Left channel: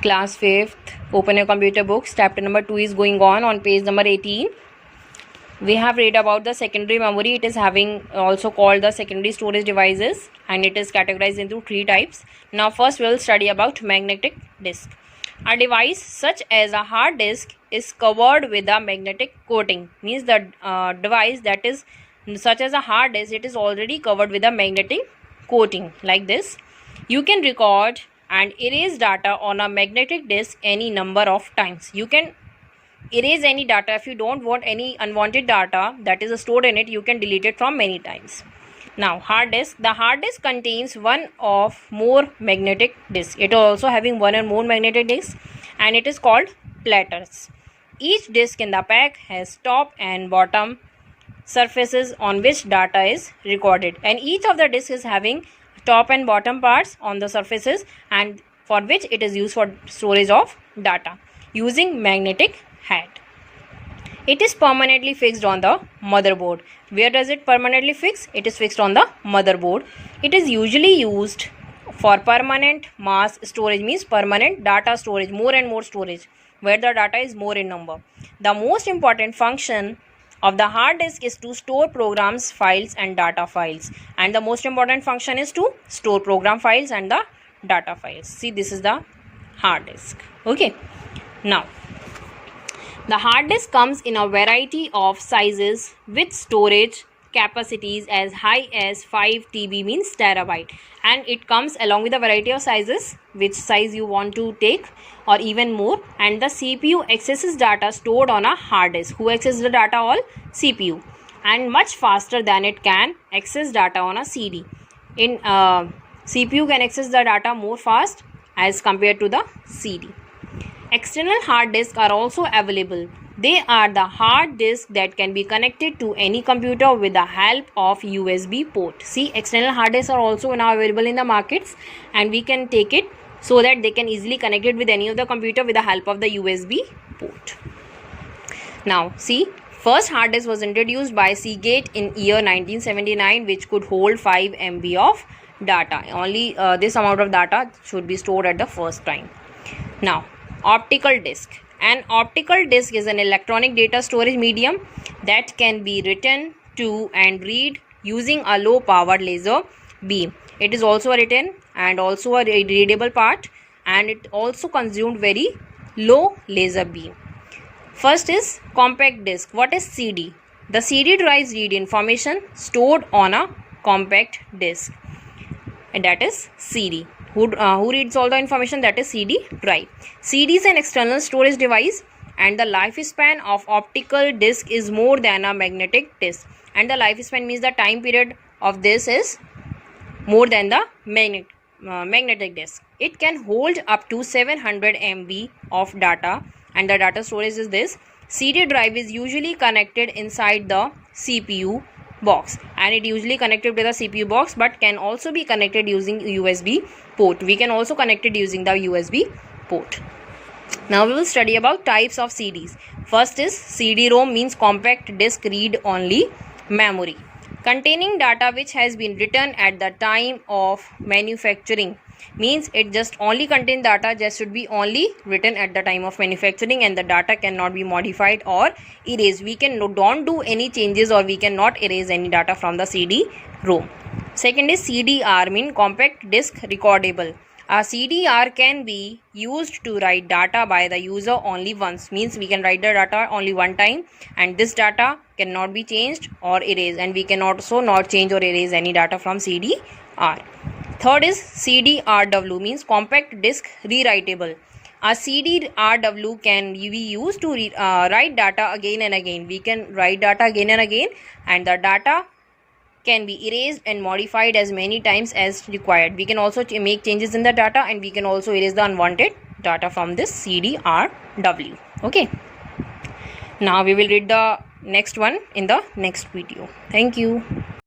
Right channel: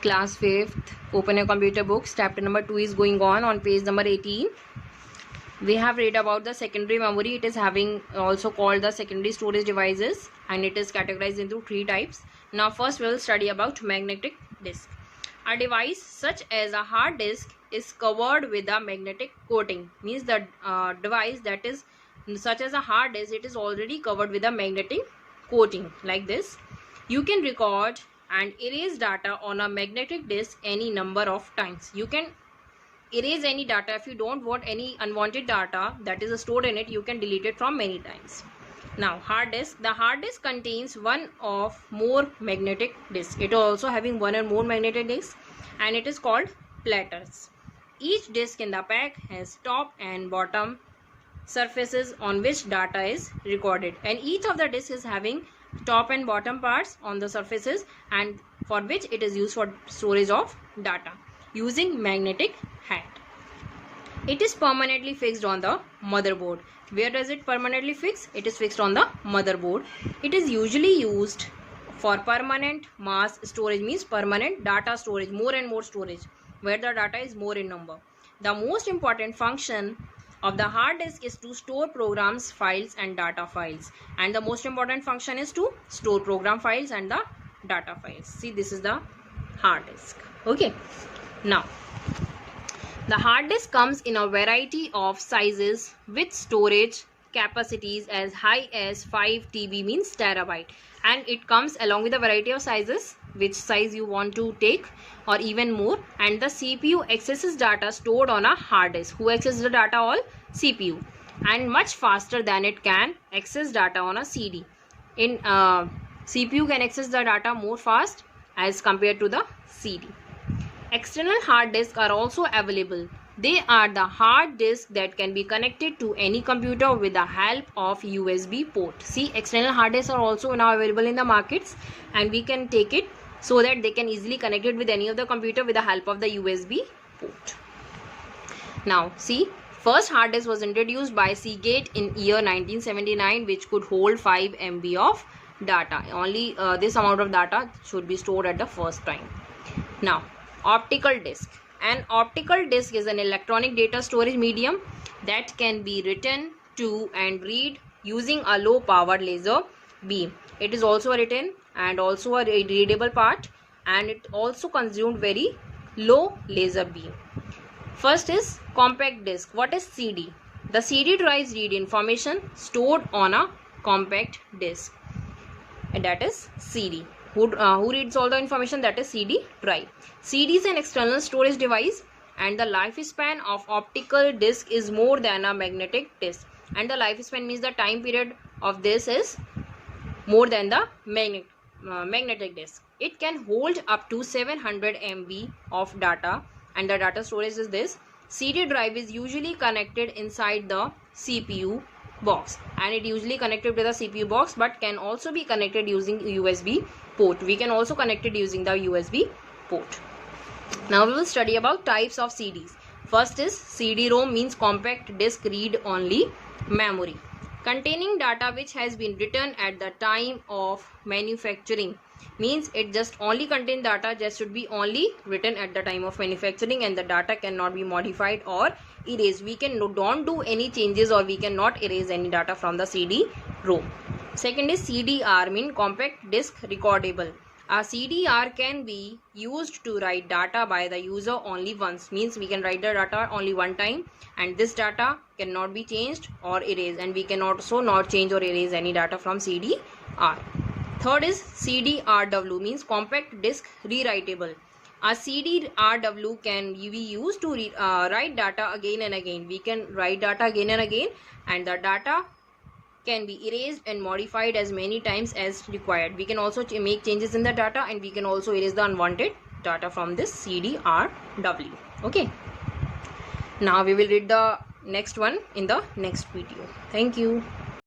Class 5th, open your computer books. Chapter number 2 is going on page number 18. We have read about the secondary memory. It is having also called the secondary storage devices, and it is categorized into 3 types. Now first we will study about magnetic disk. A device such as a hard disk is covered with a magnetic coating. Means the device that is such as a hard disk, it is already covered with a magnetic coating like this. You can record and erase data on a magnetic disk any number of times. You can erase any data. If you don't want any unwanted data that is stored in it, you can delete it from many times. Now hard disk. The hard disk contains one or more magnetic disks. It is also having one or more magnetic disks, and it is called platters. Each disk in the pack has top and bottom surfaces on which data is recorded, and each of the disks is having top and bottom parts on the surfaces, and for which it is used for storage of data using magnetic head. It is permanently fixed on the motherboard. Where does it permanently fix? It is fixed on the motherboard. It is usually used for permanent mass storage, means permanent data storage, more and more storage, where the data is more in number. The most important function of the hard disk is to store programs, files and data files, and the most important function is to store program files and the data files. See, this is the hard disk. Okay, now the hard disk comes in a variety of sizes with storage capacities as high as 5 TB, means terabyte, and it comes along with a variety of sizes, which size you want to take or even more. And the CPU accesses data stored on a hard disk. Who accesses the data? All CPU, and much faster than it can access data on a CD. In CPU can access the data more fast as compared to the CD. External hard disks are also available. They are the hard disks that can be connected to any computer with the help of USB port. See, external hard disks are also now available in the markets, and we can take it so that they can easily connect it with any of the computer with the help of the USB port. Now see, first hard disk was introduced by Seagate in year 1979, which could hold 5 MB of data. Only this amount of data should be stored at the first time. Now optical disk. An optical disk is an electronic data storage medium that can be written to and read using a low powered laser beam. It is also written and also a readable part, and it also consumed very low laser beam. First is compact disk. What is CD? The CD drives read information stored on a compact disk, and that is CD. Who reads all the information? That is CD drive. CD is an external storage device, and the lifespan of optical disk is more than a magnetic disk. And the lifespan means the time period of this is more than the magnetic disk. It can hold up to 700 MB of data, and the data storage is this. CD drive is usually connected inside the CPU box, and it usually connected to the CPU box, but can also be connected using USB port. We can also connect it using the USB port. Now we will study about types of CDs. First is CD-ROM, means compact disk read only memory, containing data which has been written at the time of manufacturing. Means it just only contain data, just should be only written at the time of manufacturing, and the data cannot be modified or erased. We don't do any changes, or we cannot erase any data from the CD-ROM. Second is CDR, mean compact disk recordable. A CDR can be used to write data by the user only once, means we can write the data only one time, and this data cannot be changed or erased, and we can also not change or erase any data from CDR. Third is CDRW, means compact disk rewritable. A CDRW can be used to write data again and again. We can write data again and again, and the data can be erased and modified as many times as required. We can also make changes in the data, and we can also erase the unwanted data from this CDRW. Okay, now we will read the next one in the next video. Thank you.